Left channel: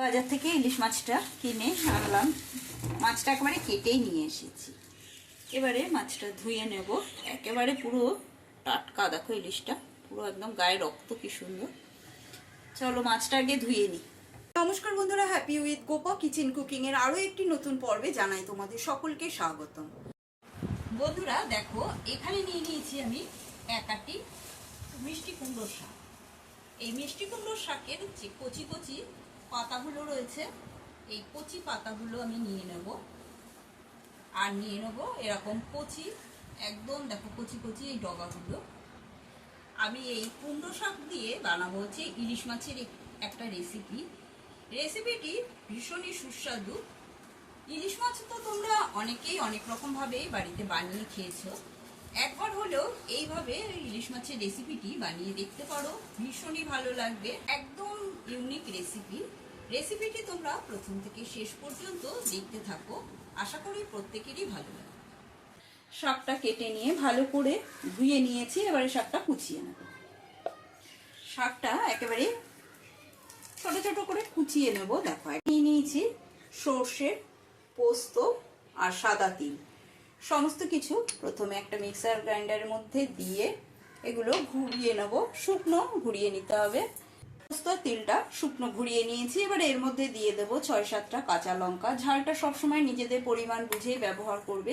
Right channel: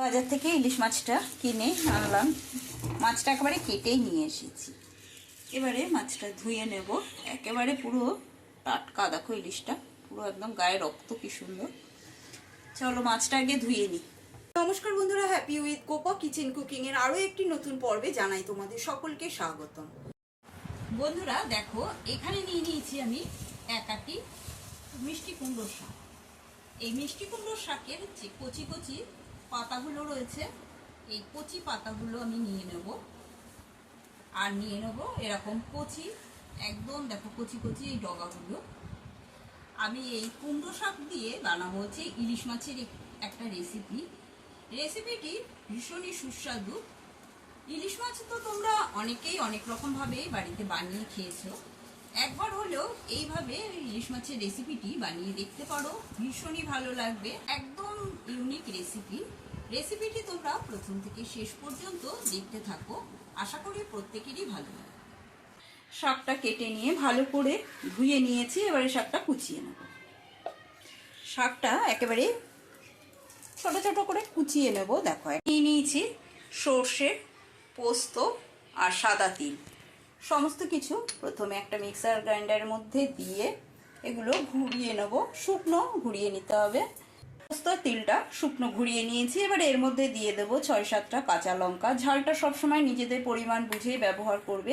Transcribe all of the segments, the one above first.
বাজার থেকে ইলিশ মাছটা কিনে আনলাম। মাছটা একেবারে কেটেই নিয়ে এসেছি। এবারে মাছটা ধুয়ে নেব। একেবারে পুরো টাটকা দেখো ইলিশটা। পুরো একদম গায়ে রক্ত কি সুন্দর। চলো মাছটা আগে ধুয়ে নিই নমস্কার বন্ধুরা happy with Kopa kitchen cooking এর আরও একটি নতুন পর্বে জানাই তোমাদের সকলকে স্বাগতম। বন্ধুরা দেখো এখানে নিয়ে নিয়েছি আমি এক আটি মিষ্টি কুমড়োর শাক। এই মিষ্টি কুমড়োর শাকের যে কচি কচি পাতাগুলো রয়েছে, এই কচি পাতাগুলো আমি নিয়ে নেব। আর নিয়ে নেব এরকম কচি, একদম দেখো কচি কচি এই ডগাগুলো। আমি এই কুমড়ো শাক দিয়ে বানাবো হচ্ছে ইলিশ মাছের একটা রেসিপি রেসিপিটি ভীষণই সুস্বাদু। ইলিশ মাছ তো তোমরা অনেকেই অনেক রকম ভাবে বাড়িতে বানিয়ে খেয়েছো। একবার হলেও এইভাবে ইলিশ মাছের রেসিপিটি বানিয়ে দেখতে পারো, ভীষণই ভালো লাগবে। একদম ইউনিক রেসিপি রেসিপিটি তোমরা প্রথম থেকে শেষ পর্যন্ত দেখতে থাকো। আশা করি প্রত্যেকেরই ভালো লাগবে শাকটা কেটে নিয়ে ভালো করে ধুয়ে নিয়েছি, এবারে শাকটা কুচিয়ে নেব। শাকটা একেবারে ছোট ছোট করে কুচিয়ে নেব, দেখো। নিয়ে নিয়েছি সর্ষে, পোস্ত আর সাদা তিল। সমস্ত কিছু প্রথমে একটা মিক্সার গ্রাইন্ডারের মধ্যে দিয়ে এগুলো ঘুরিয়ে নেব। শুকনো ঘুরিয়ে নিতে হবে। তিলটা শুকনো ঘুরিয়ে নিয়েছি। এবার এর মধ্যে দিয়ে দেবো ছয় সাতটা কাঁচা লঙ্কা। ঝালটা সবসময় নিজেদের পরিমাণ বুঝেই ব্যবহার করবে।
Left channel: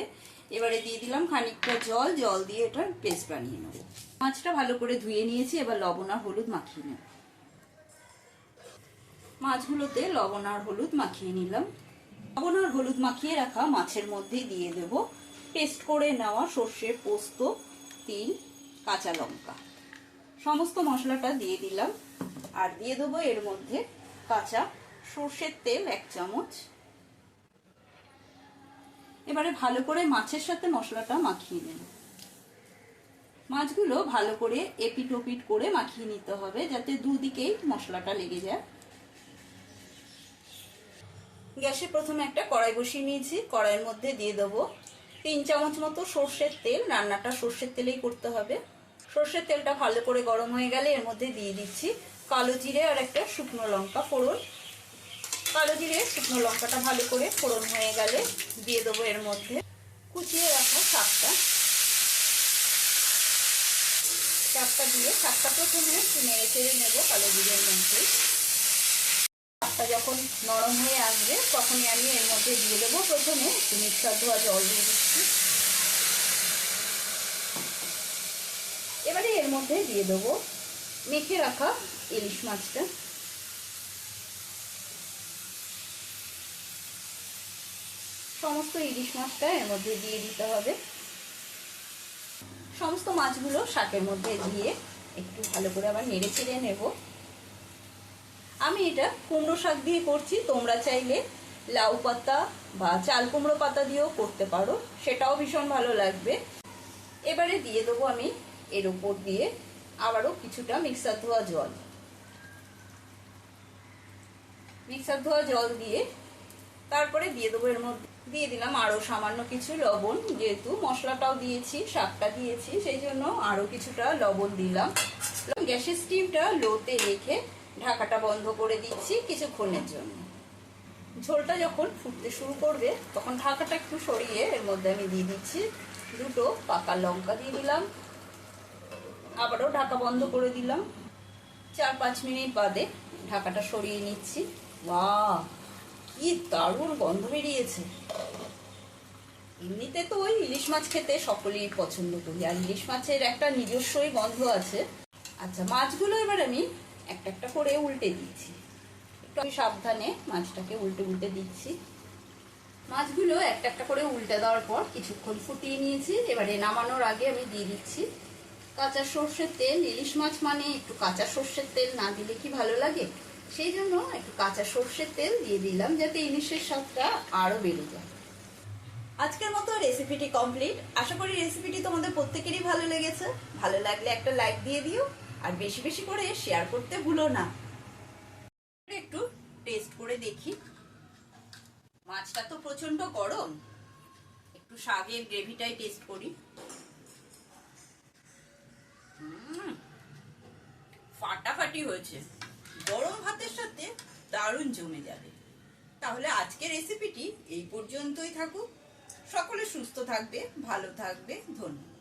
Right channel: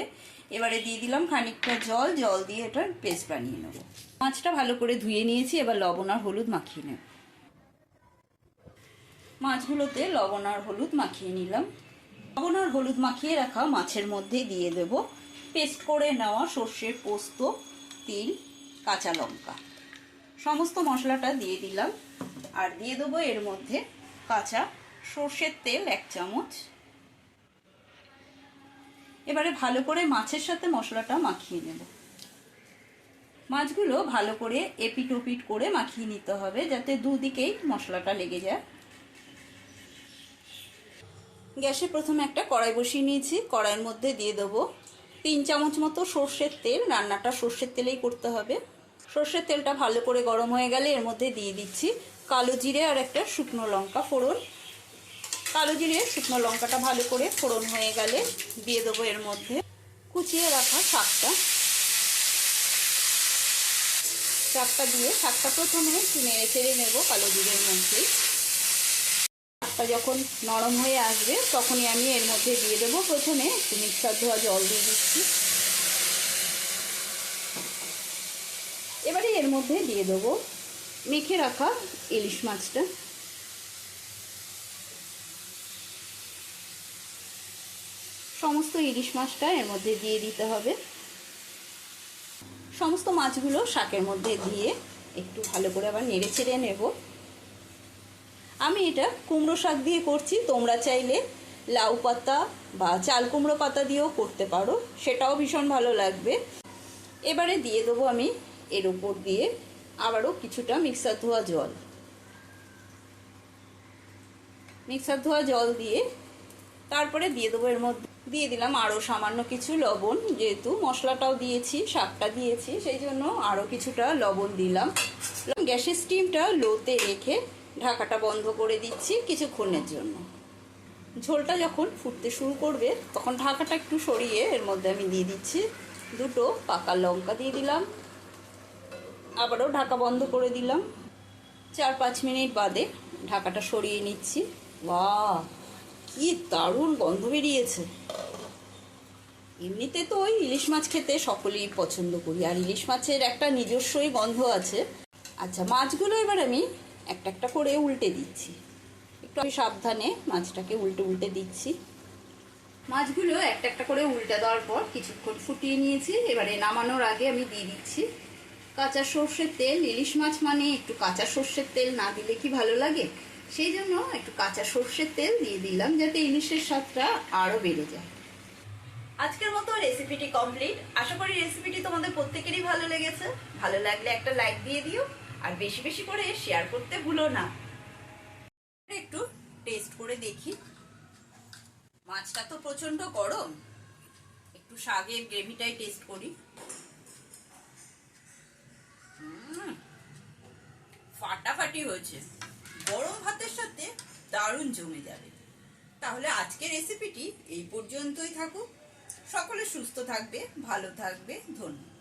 এবারে দিয়ে দিলাম খানিকটা জল। জল দিয়ে এটার পেস্ট বানিয়ে নেব। মাছটা ভালো করে ধুয়ে নিয়েছি। এবার লবণ আর হলুদ মাখিয়ে নেব। মাছগুলোতে লবণ আর হলুদ মাখিয়ে নিলাম। লবণ আর হলুদ মাখিয়ে রাখা মাছের মধ্যে দিয়ে দেব। পেস্ট করে নেওয়া সর্ষের পোস্ত, তিল, কাঁচা লঙ্কা। সমস্ত মশলাটা দিয়ে দিলাম। আর দিয়ে দেবো এর মধ্যে কাঁচা সর্ষের তেল এক চামচ। এবারে ভালো করে মাছের সাথে মশলাটা মাখিয়ে নেব। মাছগুলো ভালো করে এপিট ওপিট করে মাখিয়ে নিতে হবে যাতে দুদিকেই মশলাটা লেগে যায়। গ্যাসে প্রথমে একটা কড়াই বসিয়ে নিয়েছি। কড়াইয়ের মধ্যে দিয়ে দেবো তিন চামচ মতো সর্ষের তেল। রান্নাটা সর্ষের তেলেই করতে হবে। সর্ষের তেলটা ভালো করে গরম হয়ে গেলে এর মধ্যে দিয়ে দিচ্ছি কালো জিরে আর একটা শুকনো লঙ্কা ফোড়ন। কালো জিরে, শুকনো লঙ্কাটা ভালো করে ফোড়ন হয়ে গেলে দিয়ে দেবো এর মধ্যে কুচিয়ে রাখা শাকটা। শাকটা দিয়ে, শাকটা প্রথমে নেড়ে চেড়ে নেব কালো জিরের মধ্যে। শাকটা যখন নরম হয়ে আসবে, তখনই আমি এর মধ্যে দিয়ে দেবো প্রথমে একটু মিক্সার ধোয়া জল দিয়ে দিচ্ছি। এবারে এর মধ্যে দিয়ে দেবো মেখে রাখা ইলিশ মাছটা। সমস্ত ইলিশ মাছটা এর মধ্যে দিয়ে দিতে হবে। সমস্ত মাছগুলো শাকের মধ্যে দিয়ে একটু ভালো করে আবার নেড়ে ছেড়ে নেব। আমি এটা কুমড়ো শাক দিয়ে করছি, তোমরা চাইলে লাউ পাতা বা চাল কুমড়ো পাতা দিয়েও করতে পারো, সেটাও ভীষণ ভালো লাগবে। এবারে দিয়ে দেবো আমি এর উপর দিয়ে আবারও কিছুটা মিক্সার ধোয়া জল। মিক্সার ধোয়া জল দিয়ে তারপরে দিয়ে দেবো এর মধ্যে। দিয়ে দিলাম আরও সামান্য কিছু লবণ, যেহেতু মশলাটাও দিয়েছি শাকটা দিয়েছি, সেই জন্য আরও কিছুটা লবণ দিলাম। গ্যাসের স্টিমটা লোতে রেখে ঢাকাটা বন্ধ করে দিচ্ছি কিছুক্ষণের জন্য। ঝোলটা যখন ফুটতে শুরু করবে, তখন ঢাকাটা একটু সরিয়ে এর মধ্যে আমি দিয়ে দিচ্ছি দুটো পাকা লঙ্কা দিয়ে দিলাম। আবারও ঢাকা বন্ধ করে দিলাম। চার পাঁচ মিনিট বাদে ঢাকাটা সরিয়ে নিচ্ছি। বাহ কি দারুণ গন্ধ বেরিয়েছে। এমনিতে তো ওই ইলিশ মাছ খেতে সকলেই পছন্দ করি, আর ইলিশ মাছের একটা নিজস্বই গন্ধ আছে। আচ্ছা মাছগুলো এবার আমি একটা একটা করে উল্টে দিচ্ছি। একটু আমি সাবধানে মাছটাকে উল্টে উল্টে দিচ্ছি। মাছগুলো একটা একটা করে উল্টে দেওয়ার পর কিছুক্ষণ ফুটিয়ে নিয়েছি। এবারে নামানোর আগে আমি দিয়ে দিচ্ছি। কাঁচা সর্ষের তেল, ইলিশ মাছ মানে একটু কাঁচা সর্ষের তেল না দিলে কি ভালো লাগে? সেই জন্য একটু কাঁচা সর্ষের তেল দিয়ে দিলাম যাতে ইলিশের স্বাদটা আরও বেড়ে যায়। আজকের মতো রেসিপিটি কমপ্লিট। আশা করি রেসিপিটি তোমাদের প্রত্যেকেরই ভালো লেগেছে। ভালো লাগলে একটা লাইক দিয়ে দিও আর বেশি বেশি করে শেয়ার করতে ভুলো না। একটু টেস্ট করে দেখি। মাছটা তো প্রচণ্ড গরম। একটু শাকের গ্রেভিটাই টেস্ট করি। ফাটাফাটি হয়েছে। গরম ভাতের সাথে দারুণ জমে যাবে। তাহলে আজকের রেসিপিটি এই পর্যন্তই থাকুক। সকলে সুস্থ থাকবে, ভালো থাকবে, ধন্যবাদ।